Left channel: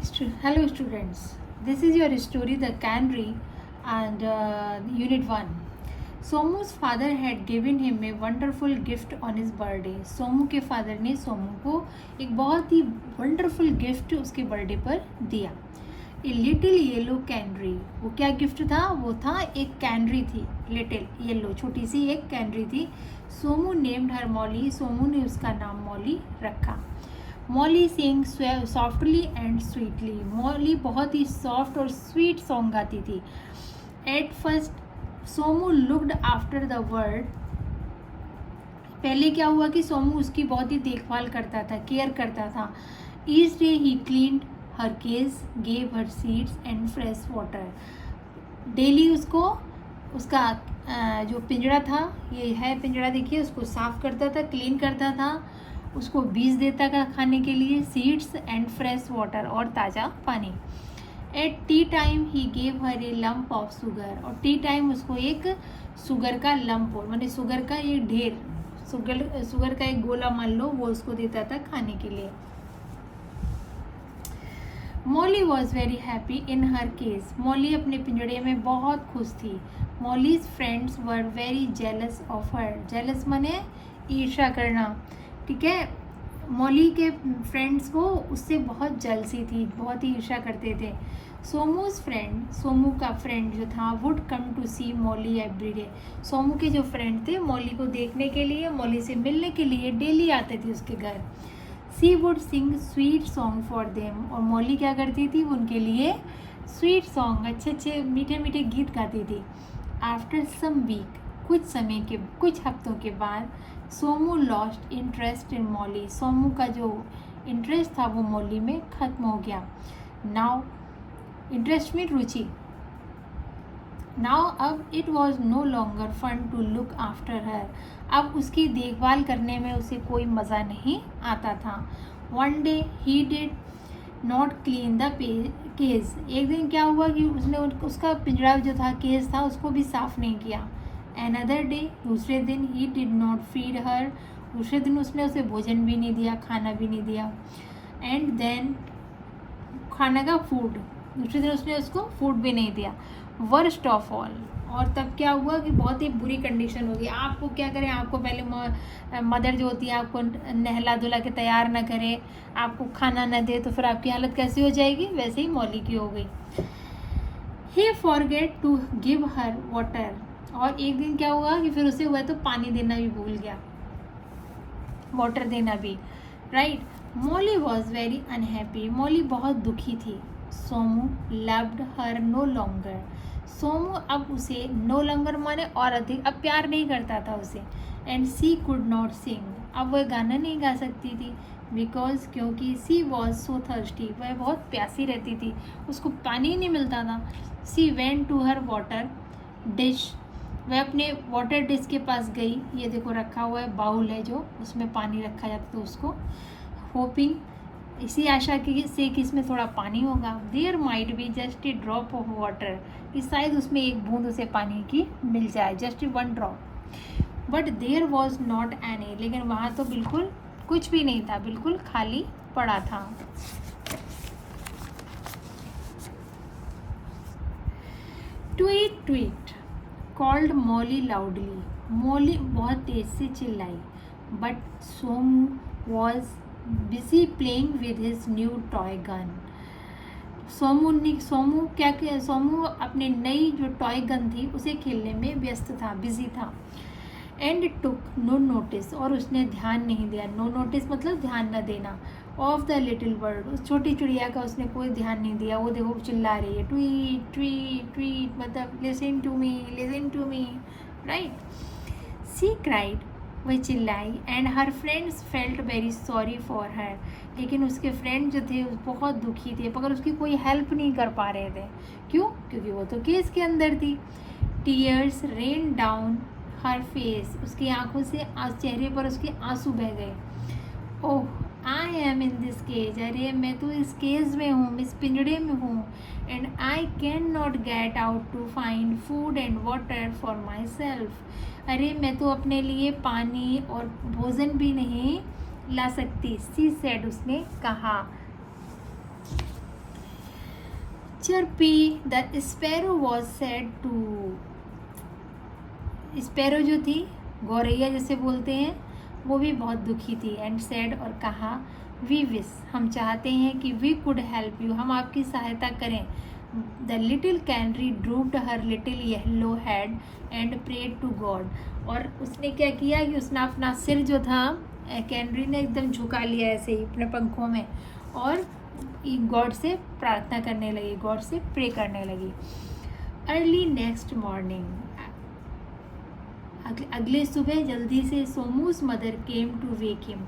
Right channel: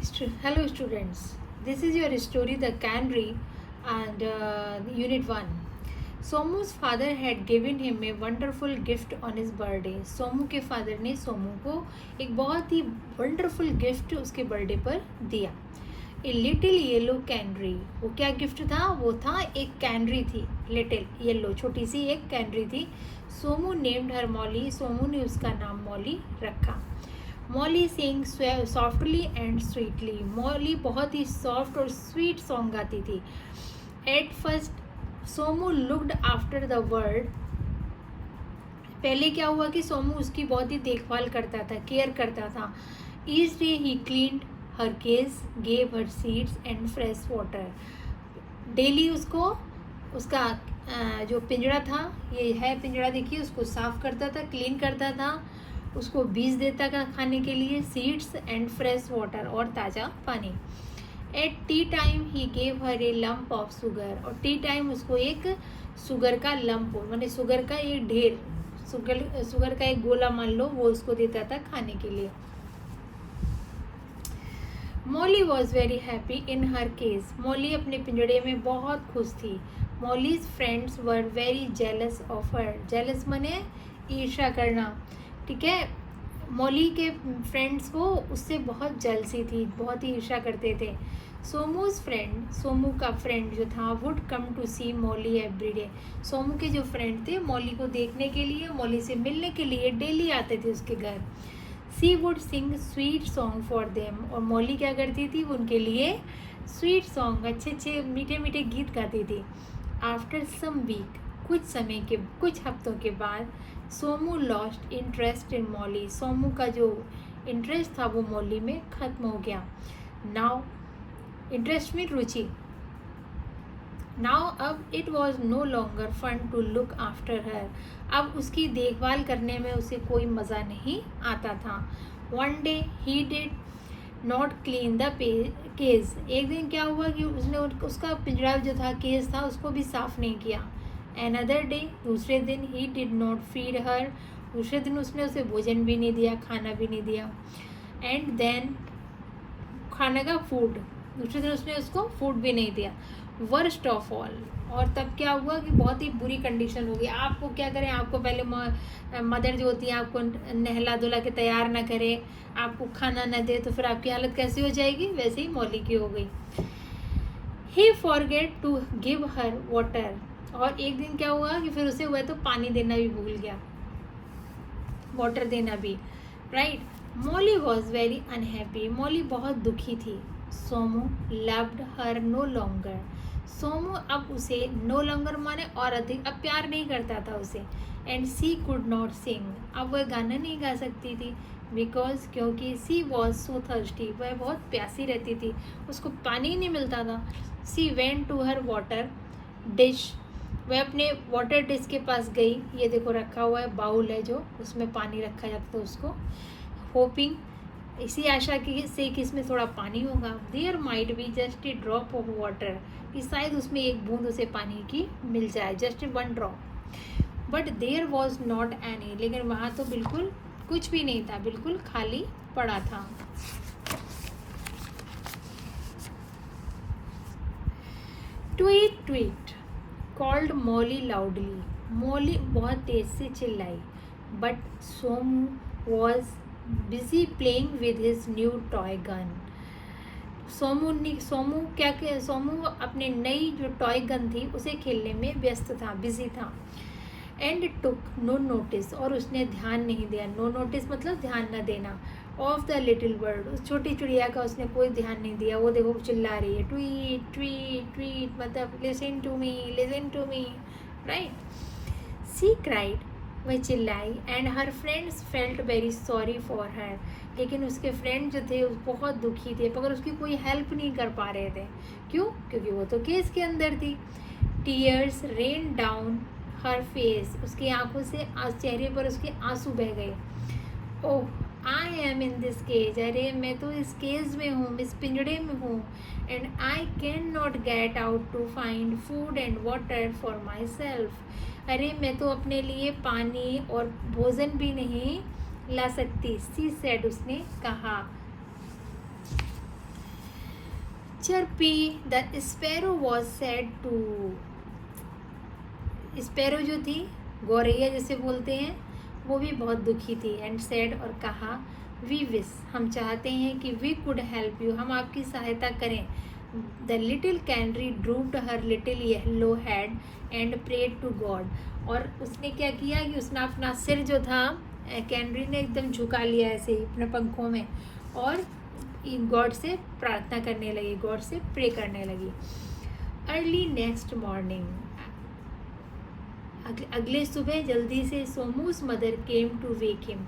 Hello students, this is your story The Canary and Unit 1. Somu's father had given him a wonderful gift on his birthday. Somu के father ने सोमू को एक बहुत ही wonderful gift उसके birthday पर दिया. A little yellow canary. वो क्या गिफ्ट था? वो था एक कैनरी थी, लिटिल येलो, छोटी सी एक कैनरी थी. Somu named her Molly. Somu ने उसका नाम मॉली रखा. Molly sing softly and sweetly. Molly बहुत ही सॉफ्ट और स्वीट सॉन्ग गाती थी. At first Somu looked after the bird. पहले क्या हुआ कि सोमू उसकी बहुत ही देखभाल करता था, केयर करता था. Each day he cleaned her cage, gave her seeds and fresh water. Daily उसको उसका जो पिंजरा था, ये है पिंजरा देखिए, उसको साफ करता था, क्लीन करता था, उसको बीज देता था खाने के लिए, सीड्स एंड फ्रेश वाटर और ताज़ा पानी. At tea time he gave her a lump of sugar. और टी टाइम उसको एक शुगर का लम्प, माने शुगर का एक ढेर, शुगर का एक गोला मान लो, वो उसको देता था खाने के लिए. Molly was very happy in her case. Molly अपने पिंजड़े में बहुत खुश थी. Mollies friends were very jealous of her. Jealous माने ईर्ष्या करना, ठीक है. मॉली के फ्रेंड्स को उससे बहुत जलसी थी, बहुत ही ईर्ष्या करते थे. सोमूज फ्रेंड, सोमू का फ्रेंड जो था, would come to see Molly every day. Somu के जो फ्रेंड थे मॉली को देखने के लिए, मॉली से मिलने के लिए डेली आते थे उसके घर. She would sing sweet song for them. और मॉली क्या करती थी? वो उनके लिए स्वीट सॉन्ग, अच्छे अच्छे मीठे मीठे गीत गाती थी. आफ्टर सम वीक, कुछ हफ्तों के बाद, Somu lost interest in Molly. Somu का जो इंटरेस्ट था वो मॉली में ख़त्म हो गया. नाउ इंटरेस्ट में रुचि. नाउ अब it was no longer fun to look after her. अब उसकी देखभाल करने में उसे कोई मज़ा नहीं आता था. One day he did not clean the cage. एक दिन क्या हुआ कि उसने उसका पिंजरा जो था, केज था, उसको भी साफ़ नहीं किया. Another day, दूसरे दिन, he did not feed her. दूसरे दिन उसने उसे भोजन भी नहीं दिया, खाना भी नहीं दिया. And then खाना का फूड, दूसरे दिन उसने उसको फूड भी नहीं दिया. Worst of all. और तब क्या हुआ कि बहुत ही बुरी कंडीशन हो गई. आपको क्या करें, आपको पहले मदर जो होती है आपको नहला धुला के तैयार ना करे, आपको खाना ना दे, तो फिर आपकी हालत कैसी हो जाएगी? वैसे ही मौली की हो गई. He forget to give her water. और एक दिन क्या हुआ कि फिर उसे हुआ तो पानी देना भी भूल गया, वाटर देना भी, right. Molly was very unhappy. Molly बहुत दुखी थी. Somu loved her no longer. Somu अब उसे नो लॉन्गर माने और अधिक, अब प्यार नहीं करता था उसे. एंड सी कुड नॉट सिंग. अब वह गाना नहीं गा सकती थी. बिकॉज क्योंकि सी वॉज सो थर्स्टी. वह बहुत प्यासी रहती थी, उसको पानी नहीं मिलता था. She went to her water dish. वह अपने वाटर डिश के पास गई. ये देखो रखा हुआ है, बाउल है जो उसमें पानी रखा जाता है उसको. होपिंग, इसी आशा की से कि इसमें थोड़ा पानी होगा. There might be just a drop of water. कि शायद उसमें एक बूंद उसे पानी की मिल जाए, just one drop. But there was not any. लेकिन वहाँ तो बिल्कुल कुछ भी नहीं था, बिल्कुल खाली पड़ा था. Tweet tweet called Molly loudly. Molly बहुत तेज से चिल्लाई. But Somu was busy playing with his new toy gun. Somu अपने नई जो टॉय गन थी उसे खेलने में व्यस्त था, बिजी था. And took no notice. और उसने ध्यान नहीं दिया. नो नोटिस मतलब ध्यान न देना. Of the little bird. उस छोटी चिड़िया का उसने कोई ध्यान नहीं दिया. वो देखो चिल्ला रही है, ट्वीट ट्वीट ट्वीट, मतलब listen to me, right. She cried. वह चिल्लाई. And her friends felt very sorry for her. लेकिन उसके फ्रेंड जो थे बहुत दुखी थे, मगर उसकी कोई हेल्प नहीं कर पा रहे थे. क्यों? क्योंकि वो तो केस के अंदर थी. Tears rain down her face. उसकी आंखों से चेहरे पर उसके आंसू बह गए. Oh, I am in this cage. अरे मैं तो इस केज में हूँ, इस पिंजड़े में हूँ. And I can not get out to find food and water for myself. अरे मैं तो अपने लिए पानी और भोजन भी नहीं ला सकती. She said. उसने कहा. Chirpy, the sparrow was said to, sparrow जो थी, गौरैया जैसे बोलते हैं, वो भी बहुत दुखी थी। एंड सेड, और कहा, वी विश, हम चाहते हैं कि वी कुड हेल्प यू, हम आपकी सहायता करें। The little canary drooped her little yellow head and prayed to God, और उसने क्या किया कि उसने अपना सिर जो था, कैनरी ने एकदम झुका लिया ऐसे ही अपने पंखों में, और गॉड से प्रार्थना करने लगी, गॉड से प्रे करने लगी। अर्ली नेक्स्ट मॉर्निंग, अगली सुबह जल्दी से Somu's mother came to wake him,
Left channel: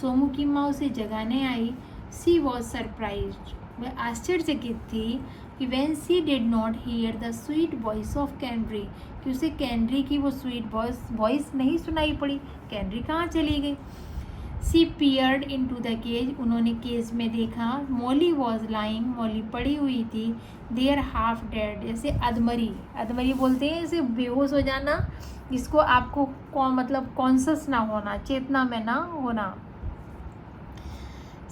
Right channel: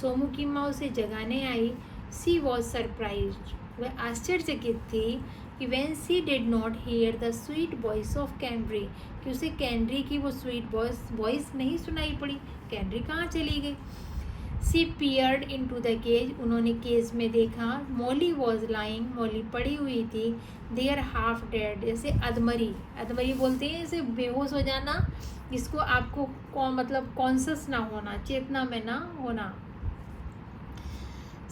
Somu की माँ उसे जगाने आई। सी वॉज सरप्राइज्ड, वह आश्चर्यचकित थी कि when she did not hear the sweet voice of canary, कि उसे कैनरी की वो स्वीट वॉइस नहीं सुनाई पड़ी। कैनरी कहाँ चली गई? She peered into the cage, उन्होंने केज में देखा। मॉली वॉज लाइंग, मॉली पड़ी हुई थी। देयर हाफ डेड, जैसे अधमरी, अधमरी बोलते हैं इसे बेहोश हो जाना, जिसको आपको मतलब कॉन्शियस ना होना, चेतना में ना होना।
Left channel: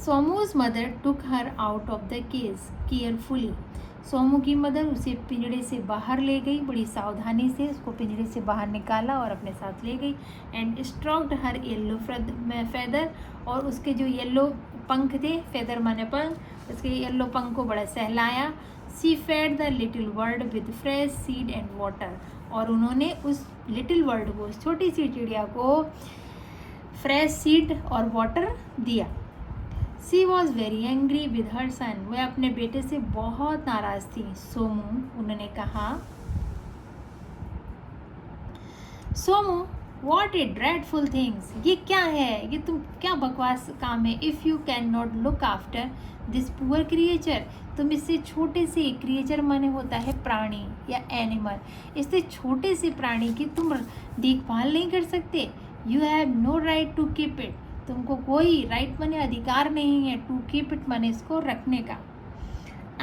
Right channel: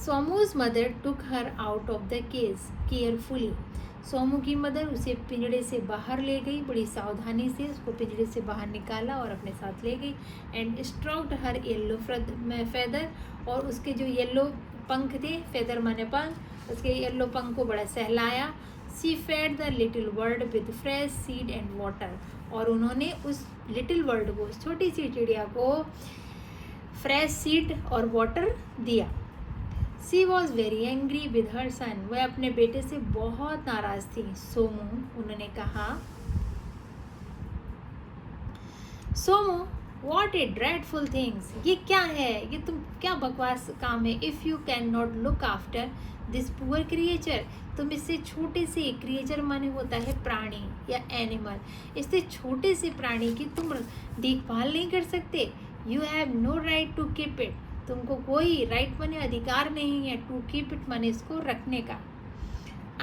Somu's mother took her out of the cage carefully, Somu की मदर उसे पिंजड़े से बाहर ले गई, बड़ी सावधानी से उसको पिंजड़े से बाहर निकाला और अपने साथ ले गई। And stroked her yellow feather, और उसके जो येलो पंख थे, फेदर माने पंख, उसके येलो पंख को बड़ा सहलाया। She fed the little bird with fresh seed and water, और उन्होंने उस लिटिल बर्ड को, उस छोटी सी चिड़िया को फ्रेश सीड और वाटर दिया। She was very angry with her son, वह अपने बेटे से बहुत नाराज थी। सोमू, उन्होंने कहा, Somu, what A dreadful things, ये क्या है, ये तुम क्या बकवास काम है। If you can not look after this poor creature, तुम इससे छोटे से क्रिएचर माने होता है प्राणी या एनिमल, इससे छोटे से प्राणी की तुम देखभाल नहीं कर सकते। You have no right to keep it, तुमको कोई राइट माने अधिकार नहीं है, टू कीप इट माने इसको रखने का।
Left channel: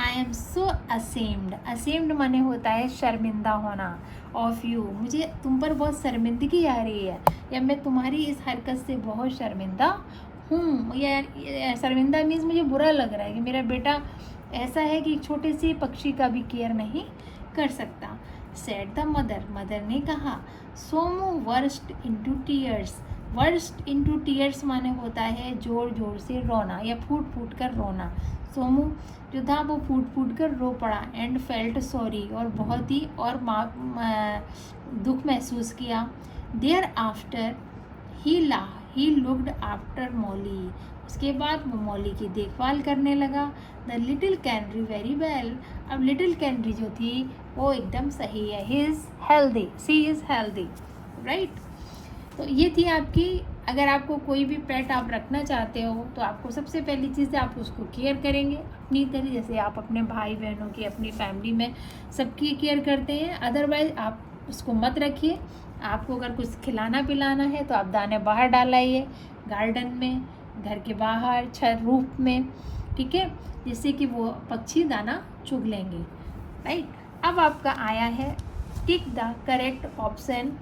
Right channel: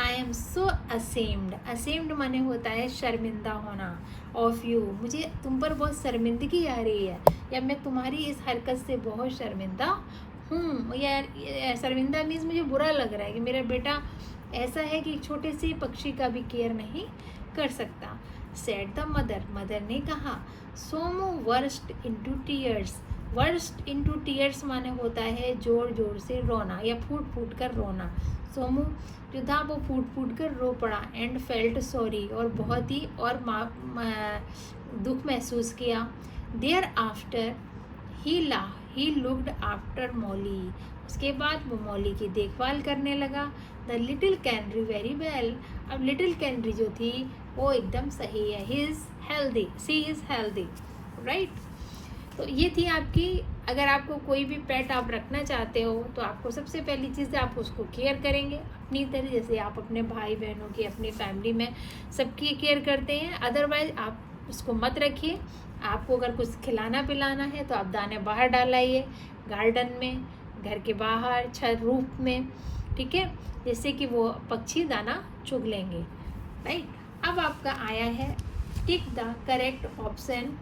I am so ashamed, ashamed माने होता है शर्मिंदा होना, ऑफ यू, मुझे तुम पर बहुत शर्मिंदगी आ रही है, या मैं तुम्हारी इस हरकत से बहुत शर्मिंदा हूँ। या शर्मिंदा मीन्स मुझे बुरा लग रहा है कि मेरा बेटा ऐसा है कि छोटे से पक्षी का भी केयर नहीं कर सकता। सेड द मदर, मदर ने कहा। Somu worst into tears, worst into tears माने होता है जोर जोर से रोना या फूट फूट कर रोना। सोमू जो था वो फूट फूट कर रो पड़ा। एंड फेल्ट सॉरी, और बहुत ही और दुख महसूस किया। Thereafter he looked after Molly, उसके बाद वो मॉली की देखभाल करने लगा। The little canary very well, अब लिटिल कैनरी जो थी वो एकदम सही है। He is healthy, she is healthy, right. तो ये थी आपकी, अगर आपको कोई भी पेट आप रखना चाहते हो तो आपको सबसे पहली चीज़ आप उसको केयर करेंगे अपनी तरह, जैसे आप अपने भाई बहनों की, अपनी फैमिली में सबकी केयर करते हैं। अदरवाइज आप उसको मत रखिए। आपको अगर कुछ खिलाना पिलाना है तो आप दाने बाहर डालाइए, गार्डन में, घर के बाहर, छत, रूफ में, ठीक है, जैसे कि वो पक्षी दाना चुग लेंगे, राइट। अब आपका आया है tick the correct option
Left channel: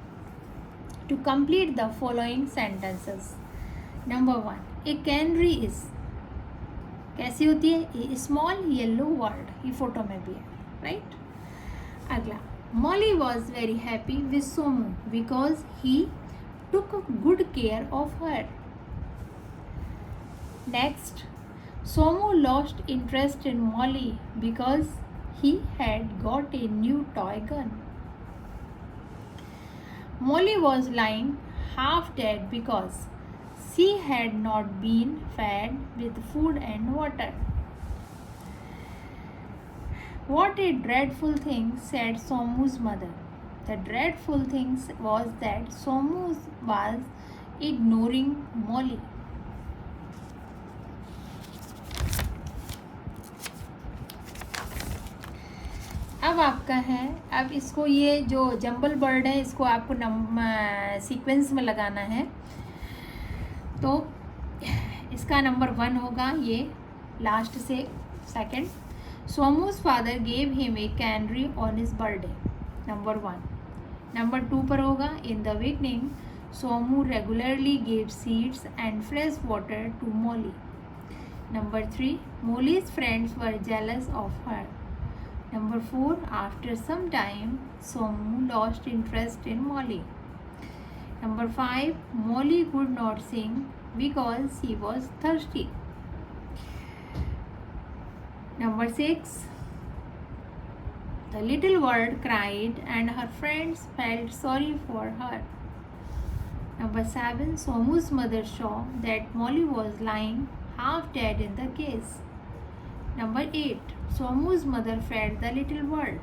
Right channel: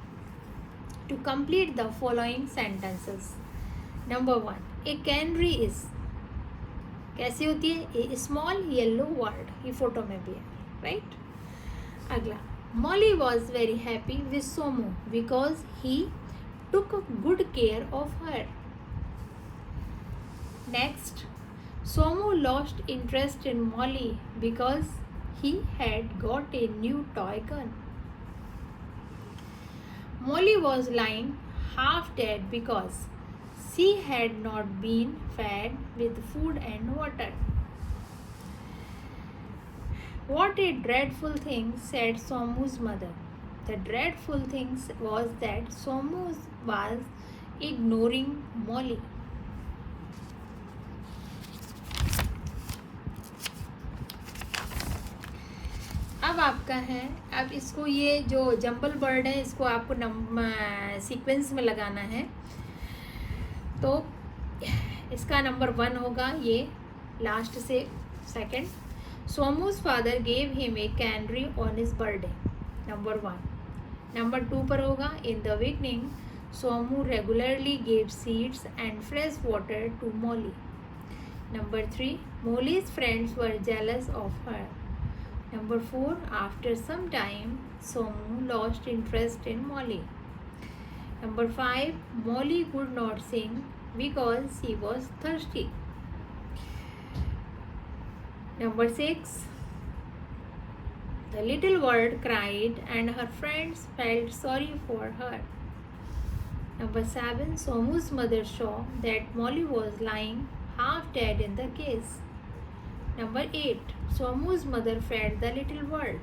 to complete the following sentences. Number 1, a canary is, कैसी होती है? a small yellow bird, ये फोटो में भी है, राइट। अगला, Molly was very happy with Somu because he took good care of her. Next, Somu lost interest in Molly because he had got a new toy gun. Molly was lying half dead because she had not been fed with food and water. What a dreadful thing, said Somu's mother. The dreadful thing was that Somu was ignoring Molly. अब आपका है, अब इसको ये जो jumble bird है इसको आपको सीक्वेंस में लगाना है। तो इसका नंबर 1 होगा, ये लास्ट से second. Somu's father gave him a canary on his birthday, number 1। Number 2 पर होगा, in the beginning Somu regularly gave seeds and fresh water to Molly. Number 3, Molly's friends were jealous of her, Number 4, after some time, Somu lost interest in Molly. Number 5, Molly could not sing because she was thirsty. Number 6, the little bird cried and her friends felt sorry for her. Number 7, Somu's mother saw that Molly was lying half dead in the case. Number 8, Somu's mother fed the little bird.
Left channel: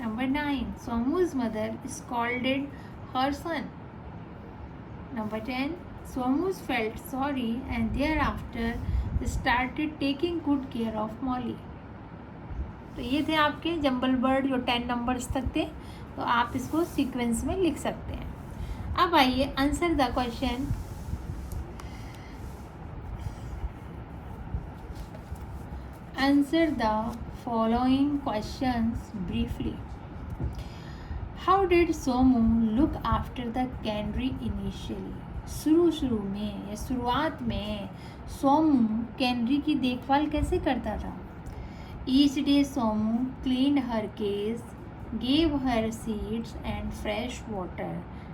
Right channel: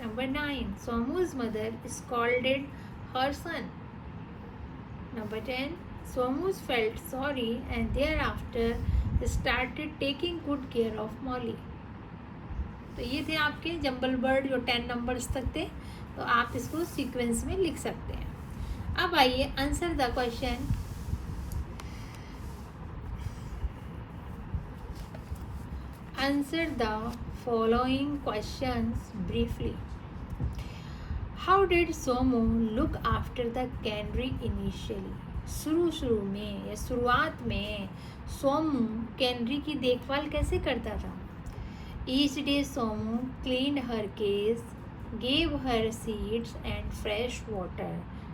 Number 9, Somu's mother scolded her son. Number 10, Somu felt sorry and thereafter started taking good care of Molly. तो ये थे आपके jumble bird जो 10 numbers तक थे, तो आप इसको सीक्वेंस में लिख सकते हैं। अब आइए answer the question. Answer the following questions briefly. How did Somu look after the canary initially? शुरू में या शुरुआत में सोमू कैनरी की देखभाल कैसे करता था? Each day Somu cleaned her cage, gave her seeds and fresh water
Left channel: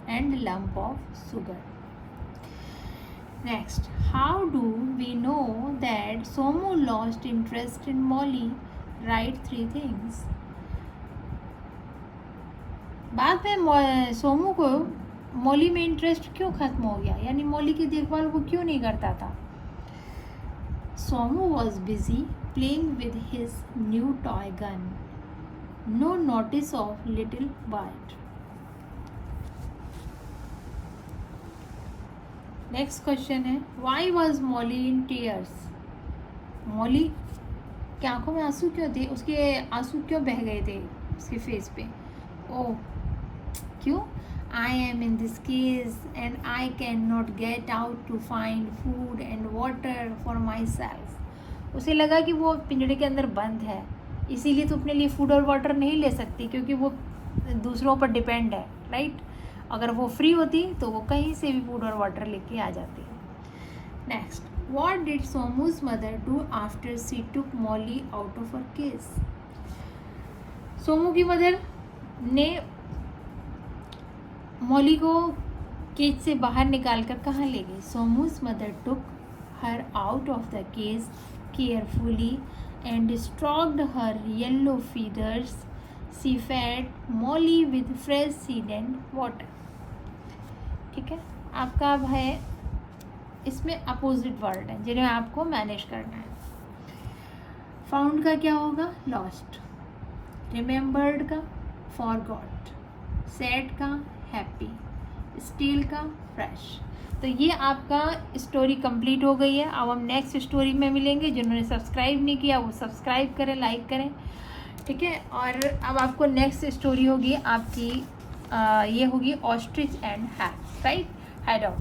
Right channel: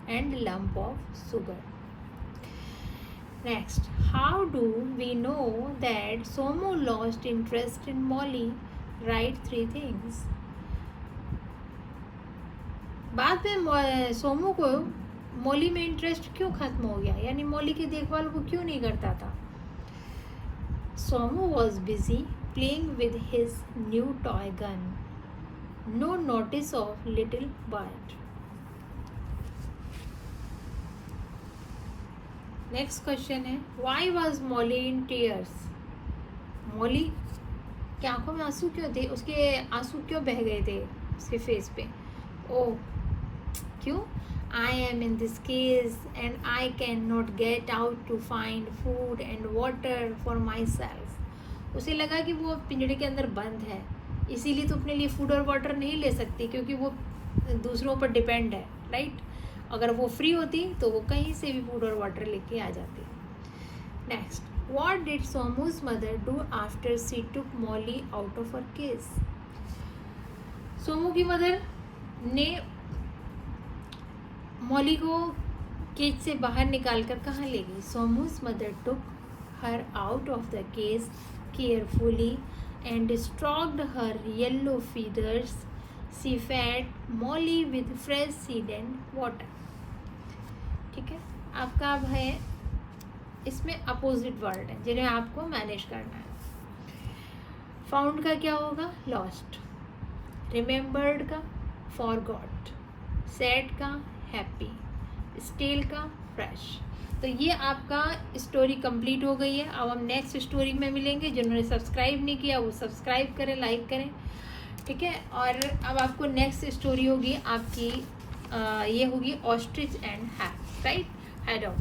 and lump of sugar. Next, how do we know that Somu lost interest in Molly? Write 3 things. बाद में सोमू को मॉली में interest क्यों खत्म हो गया, यानी Molly की देखभाल वो क्यों नहीं करता था? Somu was busy playing with his new toy gun. No notice of little bird. Next question है, why was Molly in tears? Molly की आंखों में आंसू क्यों थे? उसके आंसू क्यों बह गए थे उसके फेस पे? ओह क्यों? I am in this cage and I cannot get out to find food and water for myself. उसे लगा कि वो पिंजरे के अंदर बंद है, इसीलिए तो अपने लिए फूड और वाटर नहीं ले सकती, क्योंकि वो दूसरों पर डिपेंड है, राइट? अगर वो फ्री होती तो वो कहीं से भी फूड और वाटर लेके आ जाती। Next, what did Somu's mother do after she took Molly out of her cage? Somu की मदर ने मॉली को केज से बाहर निकाल कर कहाँ ले गई? Somu's mother took her out of the cage carefully and stroked her yellow feathers. She fed Molly with fresh seed and water. ठीक है, आपका अब है इसमें अपोजिट वर्ड है जिन्हें आपको मैनेज करना है. फाउंड का क्या होगा? लॉस्ट. रिमेम्बर्ड का फॉरगॉट. सैड का हैप्पी. स्टिल का फ्रेश. तो ये आपका स्टोरी कंप्लीट हो गई है. अब हम नेक्स्ट स्टोरी में मिलेंगे. जिन्होंने सब्सक्राइब नहीं किया वो सब्सक्राइब करें, लाइक करें, ठीक है. और अब आपको नेक्स्ट स्टोरी होगी आपकी ये होगी ostrich and hat, right? Head of